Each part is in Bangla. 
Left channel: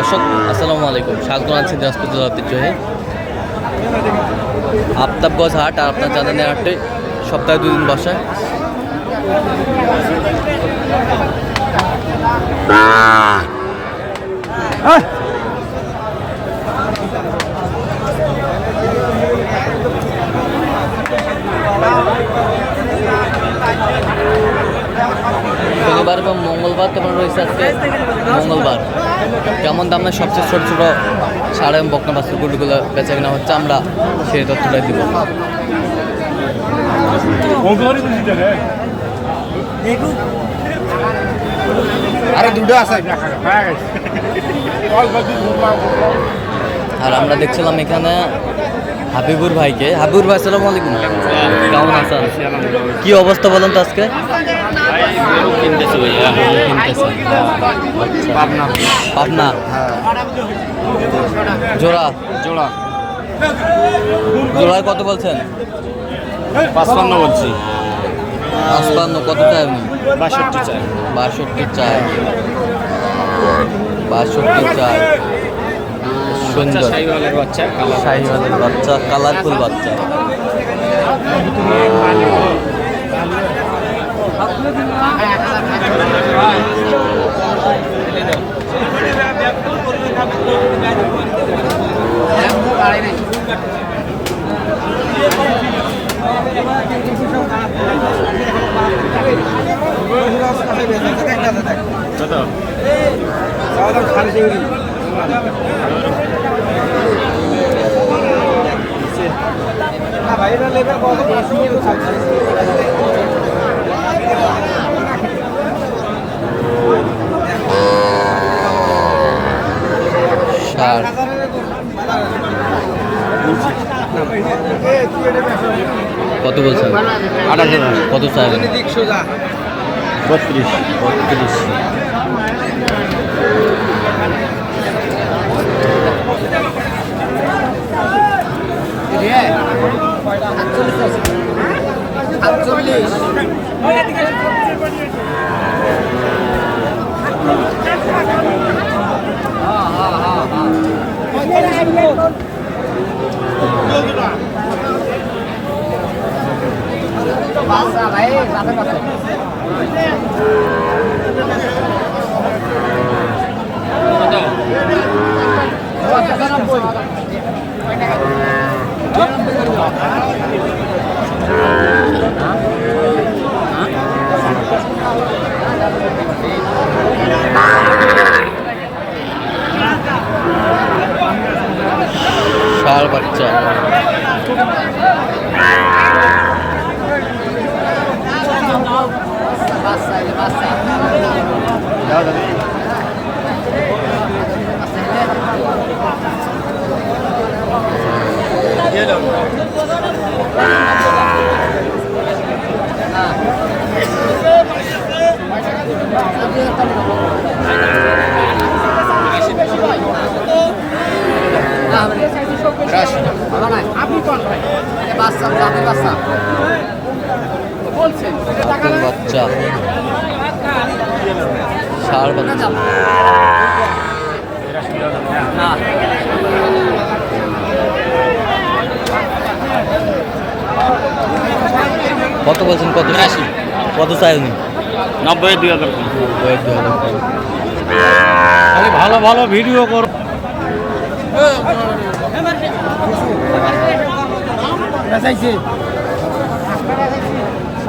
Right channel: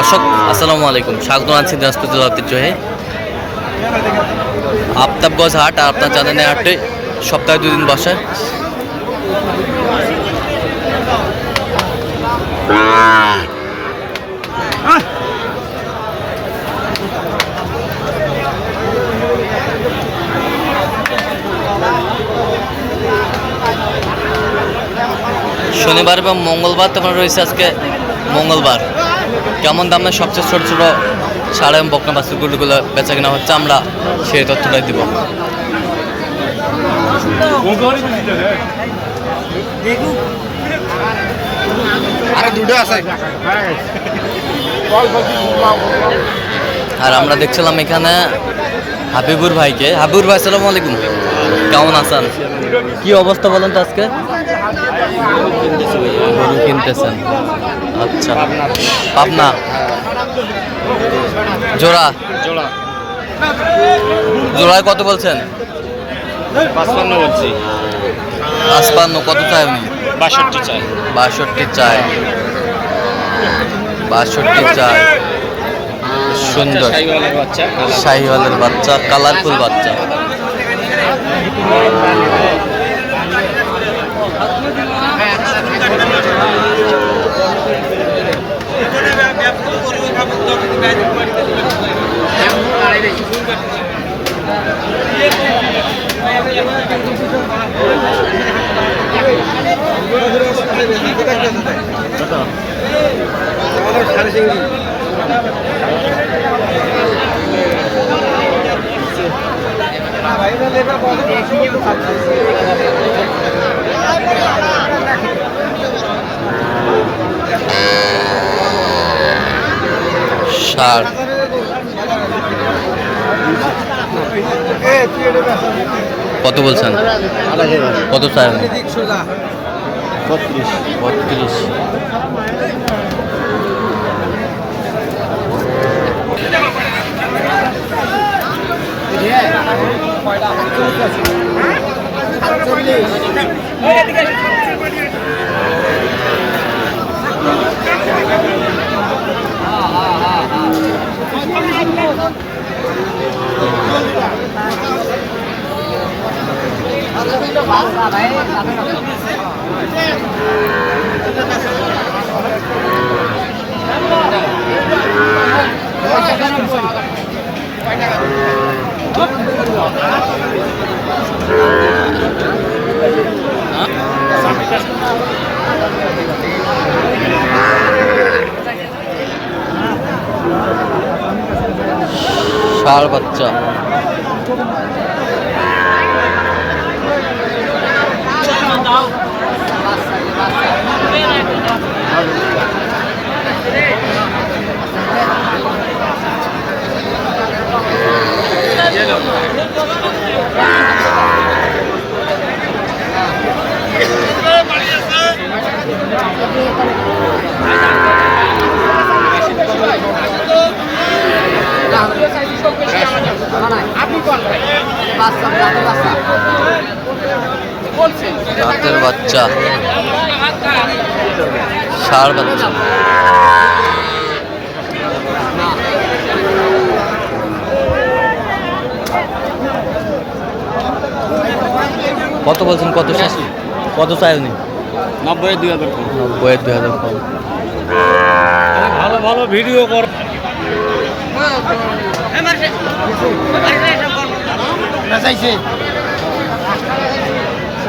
দর্শক, আসসালামু আলাইকুম। স্বাগত আছি দিনাজপুর জেলা ঐতিহ্যহে আফতাবগঞ্জ হাট আর আপনার জানেন হাটে সপ্তাহে দুই দিন বসে। শনিবার এবং মঙ্গলবার তোমার রয়েছে আজকে মঙ্গলবার। কেমন দামে সবচেয়ে ছোট ছোট সাড়ে এবং বকনা বাস্তুগুলো বেচা কেনা হচ্ছে, আমরা সেই তথ্যটাই দিব। আরে আমরা দেখছিলাম এখানে হাবিবুর ভাইকে। হাবিবুর ভাই, আসসালামু আলাইকুম। কেমন আছেন? কি অবস্থা বলেন তো আজকে? গরু কিনতেছেন আচ্ছা। পাবনা? জোড়া? জোড়া। জোড়ায় কত বলছেন? পাঁচপান্ন বলছি। কত চাই উনি? বাষট্টি চাই। বাষট্টি চায় বাষট্টি চায় সুন্দর। শাহিওয়ালের বাচ্চা। কালার শাহিওয়ালের বাচ্চা কালারফুল বাচ্চা ষাট কত বলছেন? কত চাই বত্রিশ। বত্রিশ। ষাড় বাচ্চা। বাচ্চা। ষাড় বাচ্চা। কত বলছেন? কত কত চাই উনি? নব্বই দুই হাজার নব্বই দুই হাজার। ভালো ভালো ভিডিও কর। বেচাইছে।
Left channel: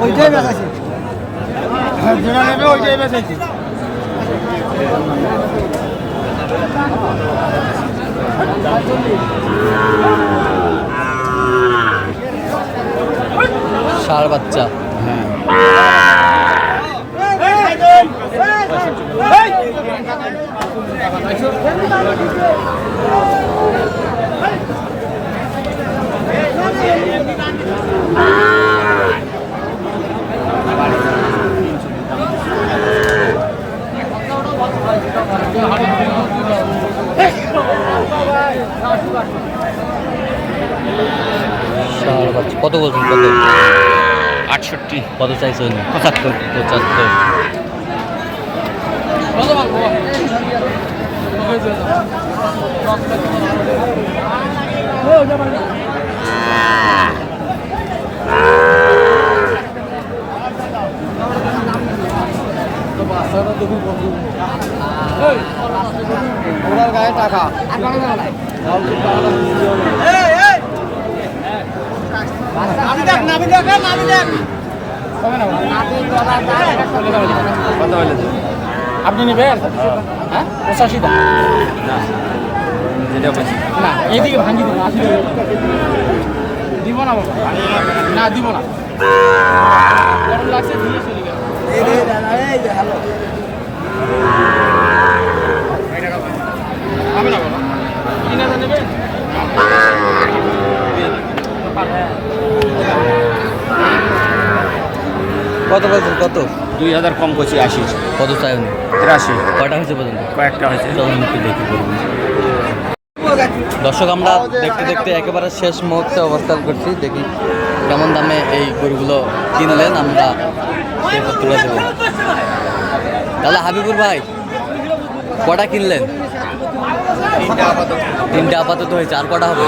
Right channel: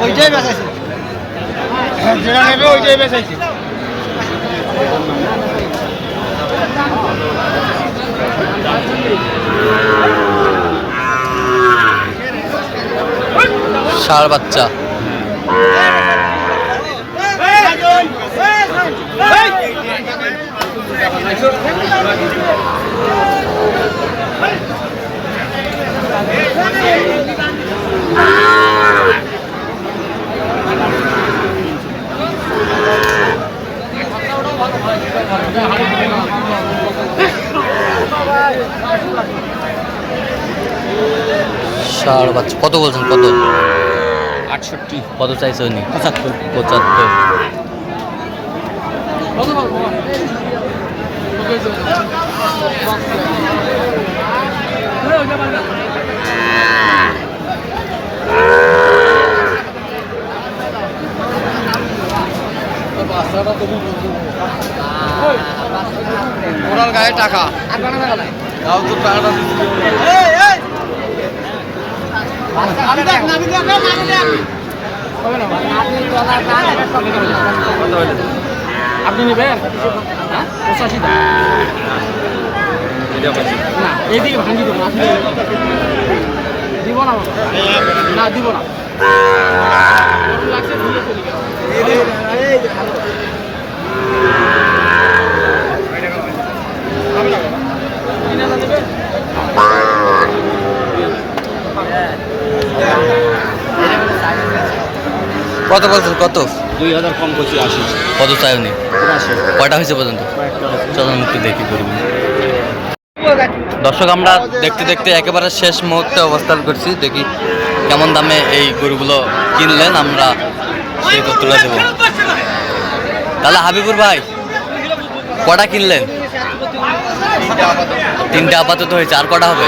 ওইটাই বেচাইছে। যেটা নেবে ওইটাই বেচাইছে ষাড় বাচ্চা বাচ্চা কত বলছেন? কত? আটষট্টি। কত চাইছে উনি? পঁচাত্তর। পঁচাত্তর। ওরাল গায়ে টাকা। তাও তো টাকাটা আপনি নেবেন? হ্যাঁ? পঁচাশি টাকা না এইদিকে ভাঙি দেবো আপনি দিব না না দিব না। লাগছে, চলে গেল। আমি নেব না। কিনে তো নেবে? কত বলছেন কত? দুই হাজার কম করছি আশি। কত চাইনি তিরাশি। কয়টা হয়েছে পর্যন্ত? কয়েকটা হয়েছে। চলুন একটু দেখি করব দর্শক আমরা দেখতে দেখতে একেবারে শেষ মুহূর্তে অবস্থান করছি। দেখি কেমন দামে এই গরুগুলো কিনলেন আমরা সেই তথ্যটা দেবো তাহলে হাবিবুর ভাই কটা কিনলেন? তিনটে আপাতত হয়েছে আর কটা হবে?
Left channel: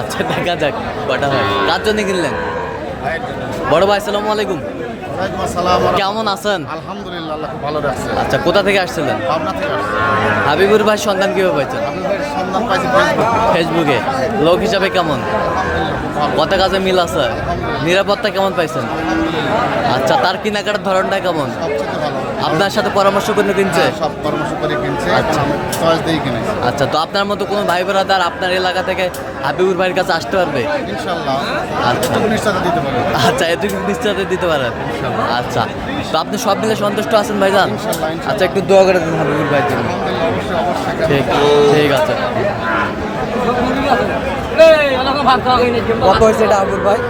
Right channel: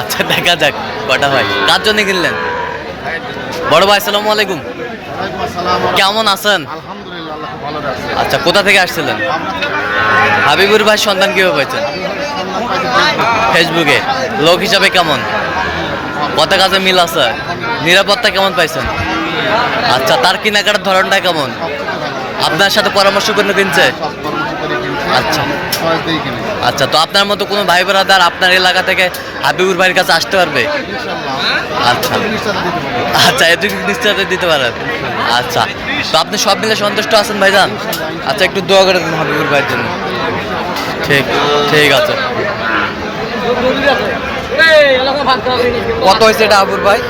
আচ্ছা দেখা যাক কটা হয়। কার জন্য কিনলেন? বড় ভাই আসসালামু আলাইকুম। কেমন আছেন? আচ্ছা কোথা থেকে আসছিলেন? হাবিবুর ভাই সন্তান কীভাবে পাইছেন? ফেসবুক। লোক হিসাবে কেমন? কত কাজে মিল আছে নিরাপত্তা কেমন পাইছেন? আচ্ছা তার কেনাকাটার ধরনটা কেমন? আপনার সাথে পরামর্শ করে কিনছে সব পরামর্শ করে কিনছে আচ্ছা। চয়েস দিয়ে কিনে আচ্ছা তো আপনার মতো কোনো ভাই ব্রাদার আপনার এলাকা থেকে হাবিবুর ভাইয়ের কাছে আসতে পারবে? আচ্ছা। আচ্ছা এটুকু নিশ্চয়তা দিতে পারেন। আচ্ছা তো আপনি সব মিলে সন্তুষ্ট আছেন ভাইজান? আচ্ছা একটু দোয়া করে দিন হাবিবুর ভাইয়ের জন্য। ঠিক ঠিক আছে। কত হয়েছে এটা হাবুর ভাই?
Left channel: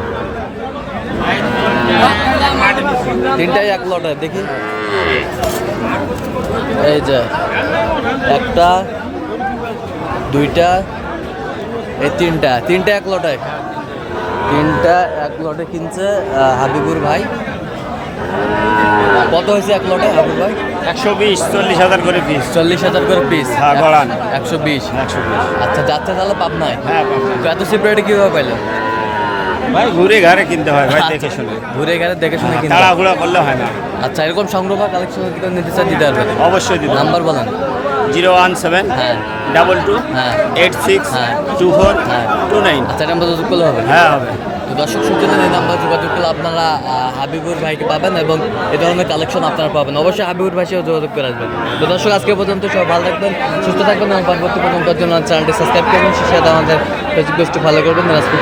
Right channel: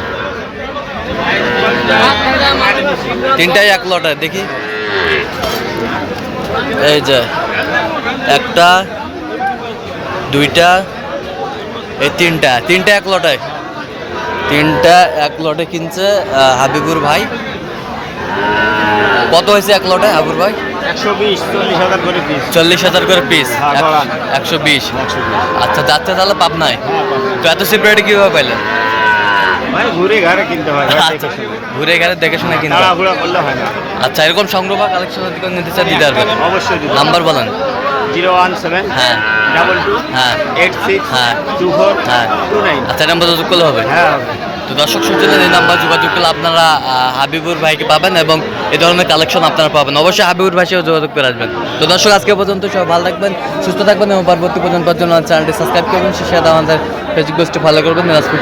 তিনটাই এক লটে দেখি। এই যে একটা দুইটা এই তিনটা তিনটা এক লটে। তিনটা এক লটে কিনছে হাবিবুর ভাই। কত হয়েছে এক লটে হাবিবুর ভাই? একশো বিশ চল্লিশ হাজার করে পিস চল্লিশ হাজার করে পিস হ্যাঁ, একশো বিশ। আচ্ছা যাচ্ছে তাহলে পাবনায়? হ্যাঁ। তো এত সিপারেট কীভাবে পাইলেন? ভাই ঘুরে কিনতে হয় শুনে। ঘুরে দেখে শুনে কিনতে হয়। হয় না। আচ্ছা এরকম সংগ্রহ বা কালেকশন নিতে চাই দিতে পারবেন অবশ্যই নাম্বার বলেন। জিরো ওয়ান সেভেন হ্যাঁ। ডাবল টু হ্যাঁ। এইট সিক্স হ্যাঁ। টু ফোর হ্যাঁ। Two nine. আচ্ছা নাম্বার যোগাযোগ করলে হবে? হ্যাঁ হবে। তো দর্শক শুনছিলেন এই নাম্বার যোগাযোগ করলে আপনারা হাবিবুর ভাইকে পাবেন এবং এই ধরনের কালেকশন আপনারা পাবেন। অবশ্যই হাবিবুর ভাই যোগাযোগ করে আসবেন। তো দর্শক আজকে পর্যন্ত সবাই ভালো থাকবেন সুস্থ থাকবেন এবং পরবর্তী পর্যন্ত চ্যানেলটি সাবস্ক্রাইব করবেন সে সাথে আমাদের ফেসবুক পেজটি ফলো করবেন দিনাজপুর